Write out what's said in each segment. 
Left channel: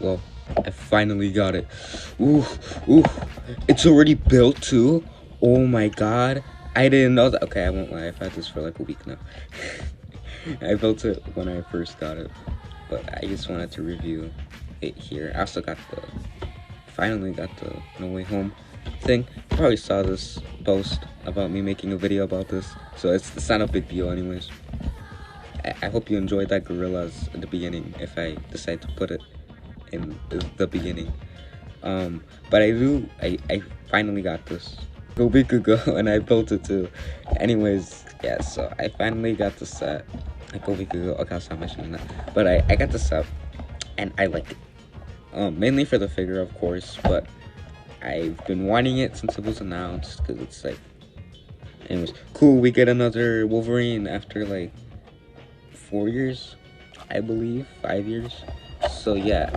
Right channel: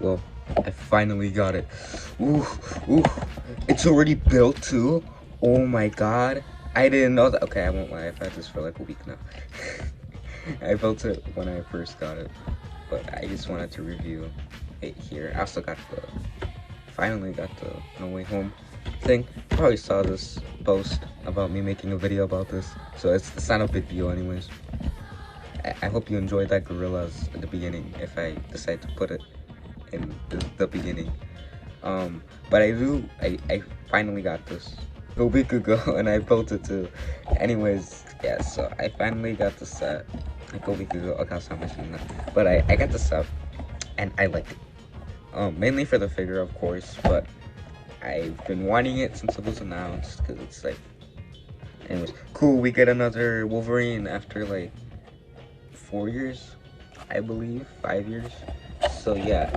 Well, I finally got it. Ooh, ooh, it's already built too? Oh my god. I didn't know that. Okay, I won't lie, I've had this for like a week now. I built it when I first got it, but I just wanted to review it here. I also finally got the No Way Home thing. You probably saw this post about me making a video about this, so it's not a big deal anyways. I hope you enjoyed that gorillas at the beginning if I decide to put it in the beginning. But I finally got this a week ago and I built it too. Anyways, yeah, so I finally got the set like a week ago. Okay, I'll stop mentioning that. But I got the set and I like it. Mainly for the figure, of course, but I've been wanting it since it was announced because it's like, anyways, cool. We get another Wolverine after like 4 years, I believe, 5 years. So yeah,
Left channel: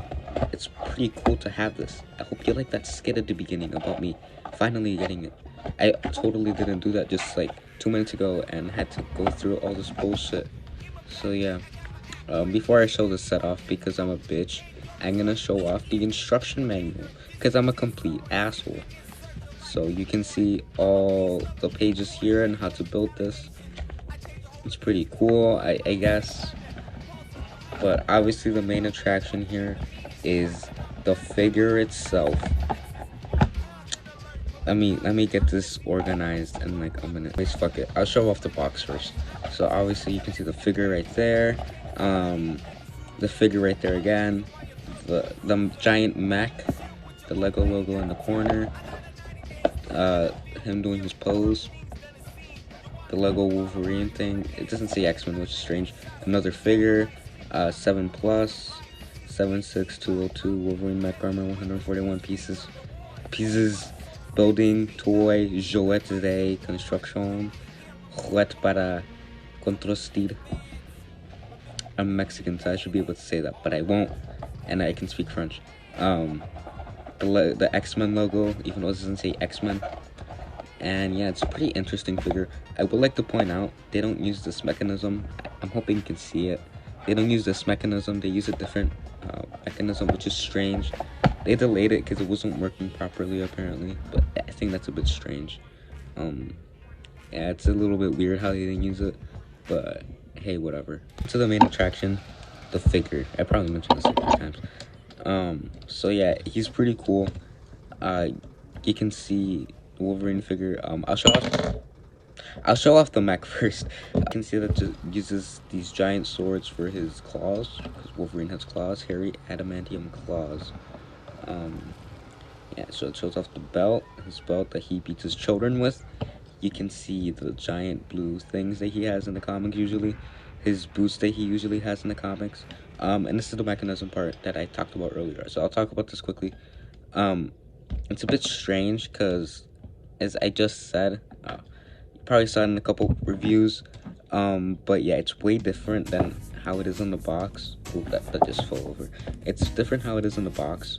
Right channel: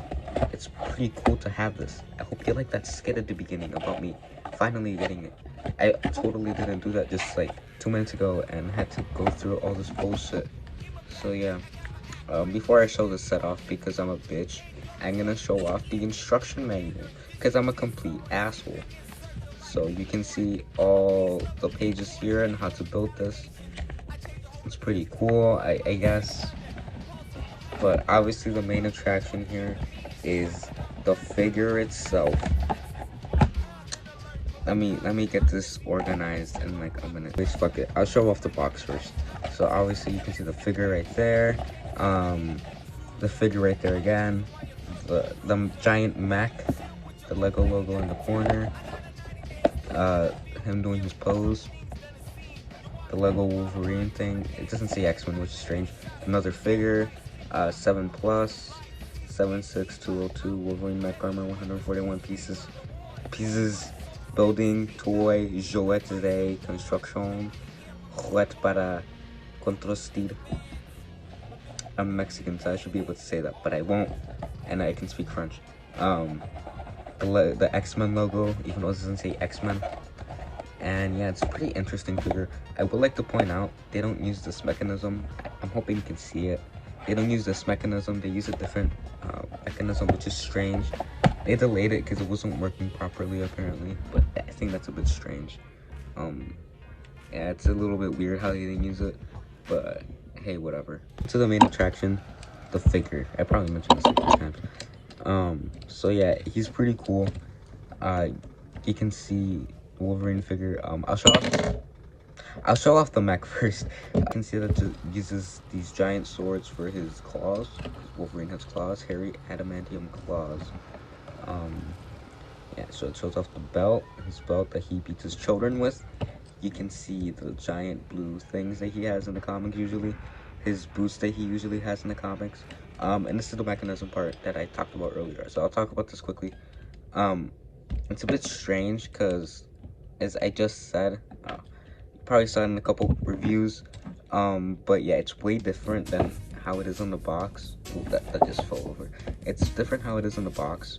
it's pretty cool to have this. I hope you like that skit at the beginning about me finally getting it. I totally didn't do that just like 2 minutes ago and had to go through all this bullshit. So yeah, before I show this set off, because I'm a bitch, I'm gonna show off the instruction manual because I'm a complete asshole. So you can see all the pages here and how to build this. It's pretty cool, I guess. But obviously the main attraction here is the figure itself. Let me get this organized in like a minute. Please, fuck it. I'll show off the box first. So obviously you can see the figure right there. The figure right there again. The giant mech. The Lego logo in the corner. Him doing his pose. The Lego Wolverine thing. It doesn't say X-Men, which is strange. Another figure. 7 plus. 76202 Wolverine Mech armor, 141 pieces. Building, toy, jouet de construction, juguete para construir. I'm Mexican, so I should be able to say that, but I won't, and I can speak French. The X-Men logo, even though it doesn't say X-Men. And yeah, it's a pretty interesting figure. I would like to point out, they don't use this mechanism. I'm hoping you can see it. They don't use this mechanism, they use a different mechanism, which is strange. They delayed it because it wasn't working properly apparently, but I think that's a bit strange. Yeah, it's a little bit weird how they didn't use it, but hey, whatever. So the main attraction, the figure. I probably mentioned this like 3 times. So yeah, he's pretty cool. You can see the Wolverine figure. I'll show off the mech first. You can see that it uses these giant swords for his claws, because Wolverine has claws, hairy adamantium claws. Yeah, so it shows off the belt, his belt that he beats his children with. You can see the giant blue things that he has in the comics usually, his boots that he usually has in the comics. And this is the mechanism part that I talked about earlier, so I'll talk about this quickly. It's a bit strange because, as I just said, you probably saw it in a couple reviews, but yeah, it's way different than how it is in the box. Ooh, that just fell over. It's different how it is in the box.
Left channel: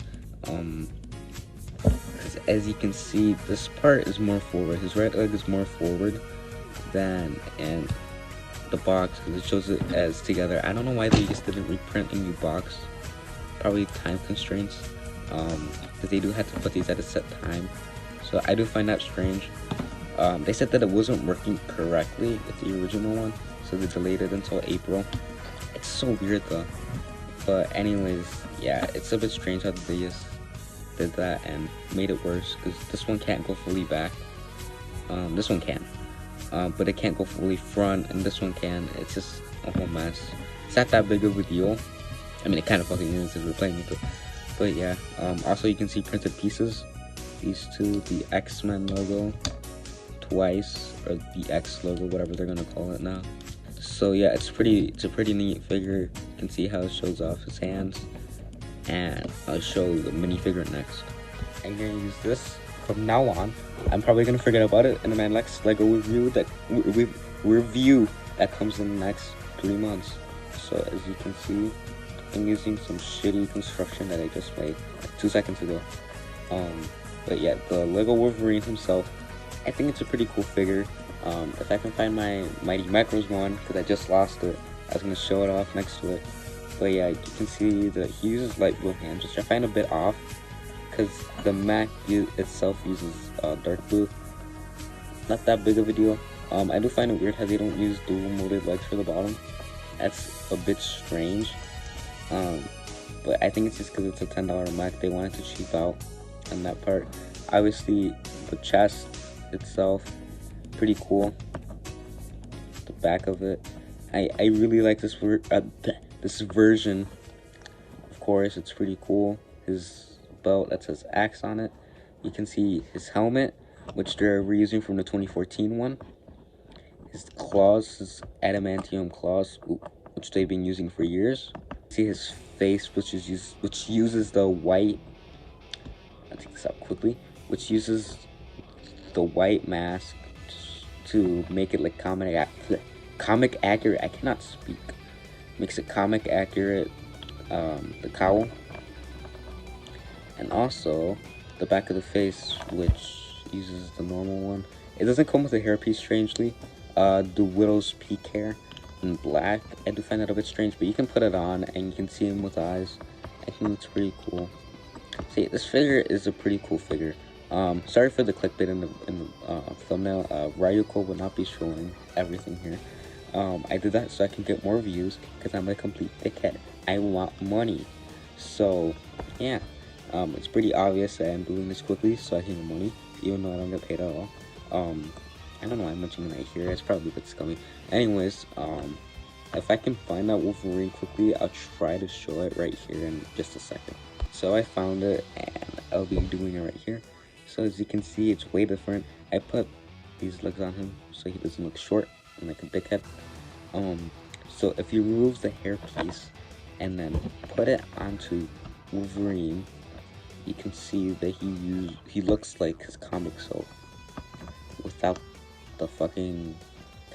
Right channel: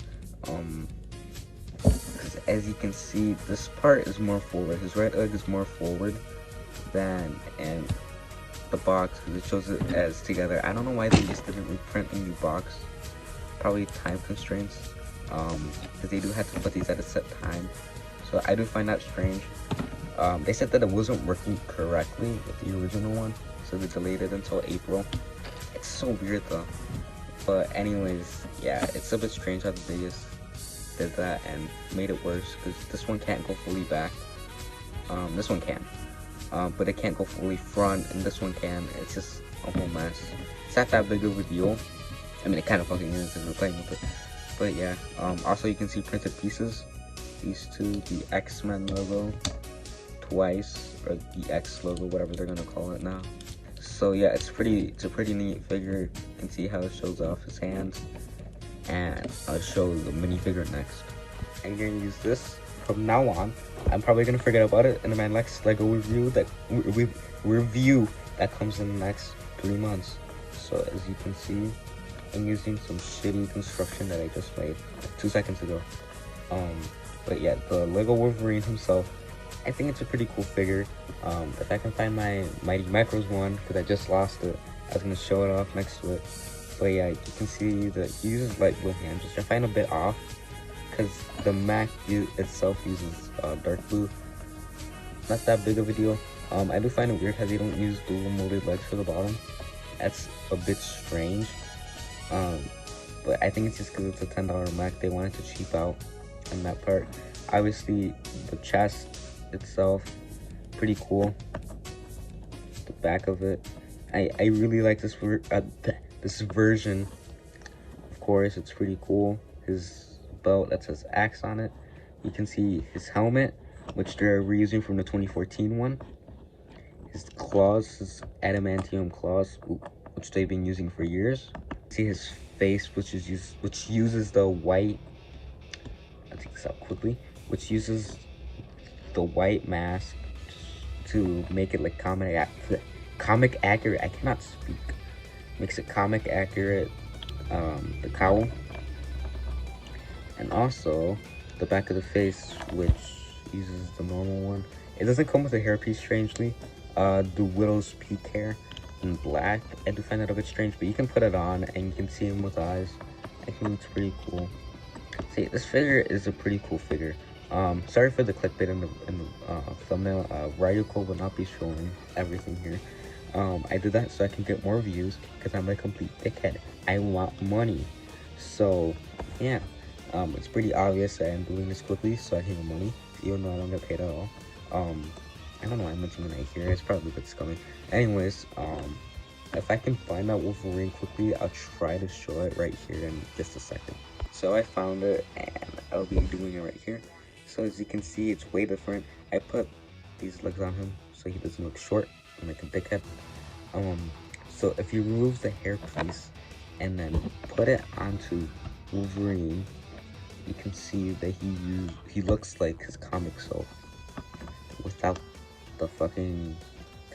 Because as you can see, this part is more forward. His right leg is more forward than in the box, because it shows it as together. I don't know why they just didn't reprint a new box. Probably time constraints, because they do have to put these at a set time. So I do find that strange. They said that it wasn't working correctly with the original one, so they delayed it until April. It's so weird though. But anyways, yeah, it's a bit strange how they just did that and made it worse, because this one can't go fully back. This one can, but it can't go fully front, and this one can. It's just a whole mess. It's not that big of a deal. I mean, it kind of fucking is if we're playing with it. But yeah, also you can see printed pieces. These two, the X-Men logo twice, or the X logo, whatever they're gonna call it now. So yeah, it's a pretty neat figure. You can see how it shows off his hands, and I'll show the minifigure next. I'm gonna use this from now on. I'm probably gonna forget about it in my next Lego review that comes in the next 3 months. So as you can see, I'm using some shitty construction that I just made like 2 seconds ago. But yeah, the Lego Wolverine himself, I think it's a pretty cool figure. If I can find my Mighty Macros one, because I just lost it, I was going to show it off next to it. But yeah, you can see that he uses light blue hands, which I find a bit off, because the Mech itself uses dark blue. Not that big of a deal. I do find it weird how they don't use dual molded legs for the bottom. That's a bit strange. But I think it's just because it's a $10 Mech. They wanted to cheap out on that part. Obviously, the chest itself, pretty cool. The back of it, I really like this this version. Of course, it's pretty cool. His belt that says Axe on it. You can see his helmet, which they're reusing from the 2014 one. His claws, his adamantium claws, which they've been using for years. See his face, which uses the white. I take this out quickly. Which uses the white mask to make it like comic accurate. I cannot speak. Makes it comic accurate. The cowl, and also the back of the face, which uses the normal one. It doesn't come with a hairpiece, strangely. The widow's peak hair in black. I do find that a bit strange, but you can put it on and you can see him with eyes. I think it's pretty cool. See, this figure is a pretty cool figure. Sorry for the clickbait in the thumbnail. Ryuko will not be showing everything here. I did that so I can get more views, because I'm a complete dickhead. I want money. So, yeah. It's pretty obvious that I'm doing this quickly so I can get money, even though I don't get paid at all. I don't know why I'm mentioning it right here. It's probably a bit scummy. Anyways, if I can find that Wolverine quickly, I'll try to show it right here in just a second. So I found it, and I'll be doing it right here. So as you can see, it's way different. I put these legs on him so he doesn't look short and like a dickhead. So if you remove the hair piece and then put it onto Wolverine, you can see that he looks like his comic self without the fucking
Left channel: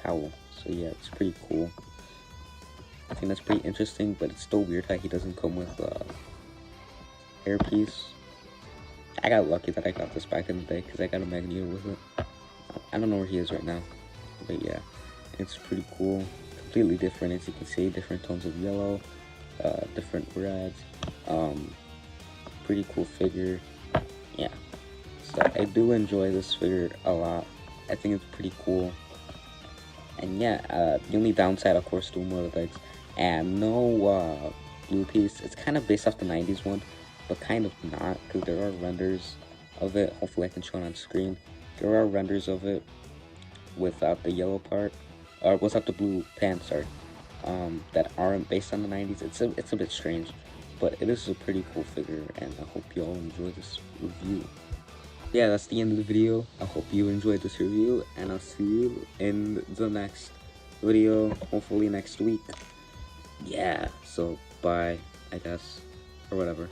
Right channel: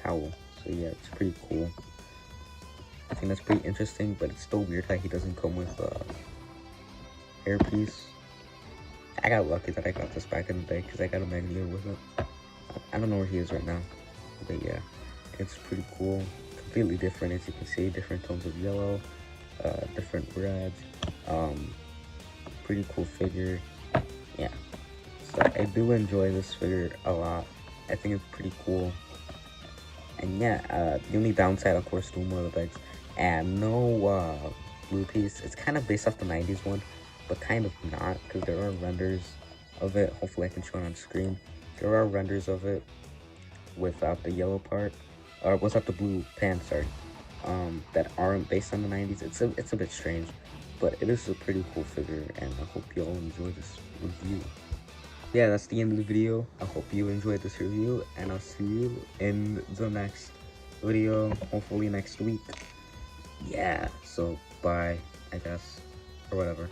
cowl. So yeah, it's pretty cool. I think that's pretty interesting, but it's still weird how he doesn't come with a hairpiece. I got lucky that I got this back in the day because I got a Magneto with it. I don't know where he is right now, but yeah, it's pretty cool. Completely different, as you can see, different tones of yellow, different reds. Pretty cool figure. Yeah, so I do enjoy this figure a lot. I think it's pretty cool. And yeah, the only downside, of course, two more legs and no blue piece. It's kind of based off the 90s one, but kind of not, because there are renders of it. Hopefully I can show it on screen. There are renders of it without the yellow part, or without the blue pants, sorry, that aren't based on the 90s. It's a bit strange, but it is a pretty cool figure, and I hope you all enjoy this review. Yeah, that's the end of the video. I hope you enjoyed this review, and I'll see you in the next video, hopefully next week. Yeah, so bye, I guess, or whatever.